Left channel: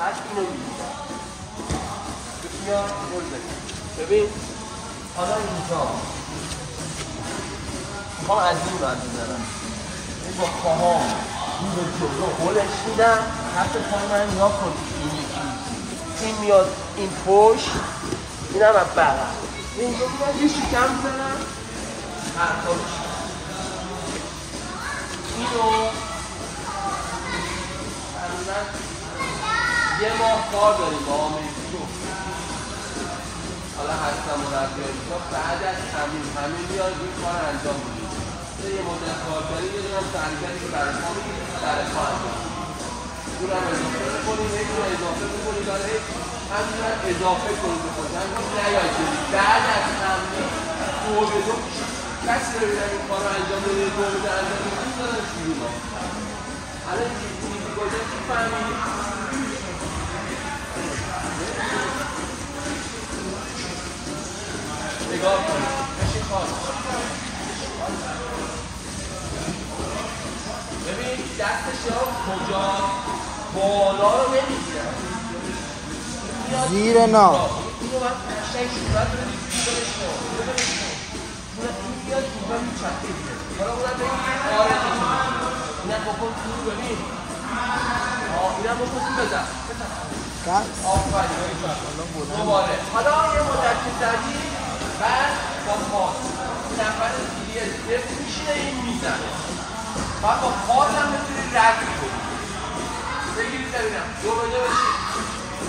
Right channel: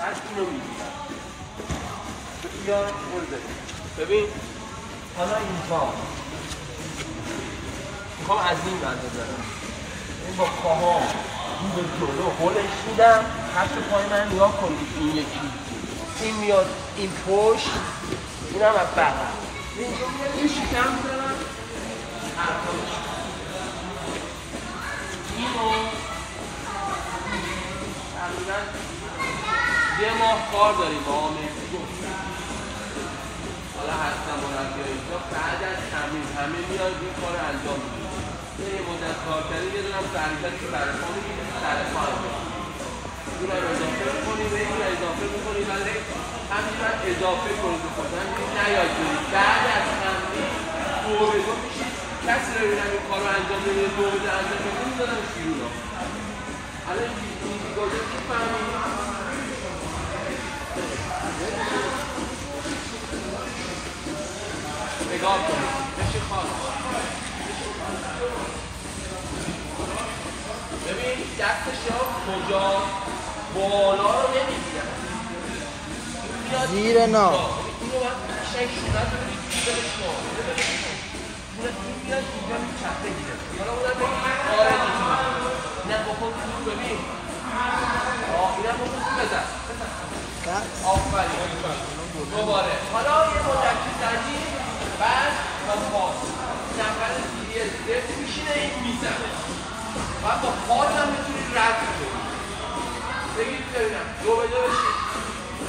پس اینو میگیرم بیا گل بزن. ببین حالا اینجا میخوام از این بنده برم، این با پاهام این به جلو هلش میدم، کف پای من نگاه کن این یکی این میاد این پشت اینم از بعد این شکم میزنم حرفاش اینو تقریبا یه ماه کار داریم با آمریکی رو حالا هستم مربی اینجا بعد از همین میاد این کار رو انجام میدیم یه مدت کار کرده یه دونم تحریکتی برای ما میگیره در کار اون هم اضافه میکنیم این اضافه میکنیم ولی همین هم اضافه کنیم به خود همین نیاید کنیم بعد از همین دو به دو میشید کسی رو ببینم این کار رو انجام میده دو به دو انجام میده میدارم شیرون ها حالا چیزی گذاره که فهمید نگاه کنید بشید خواهد ببین دستش ها کجا بالا رو نمیگیرن زیر نام اینو باید قشنگ صورت رو بگیرش کن این میاد اینجا میچپه دیگه حالا اونم بگیم آره دیگه اینم بکن تو ببین اینم بکن تو بزن آفرین دوباره حالا یه مدت که زدی بعد با پا نفر دیگه دفت میشینه این میزنه بعد با پاس هم میتونی رد کنی بگید ببینم دو به دو بشید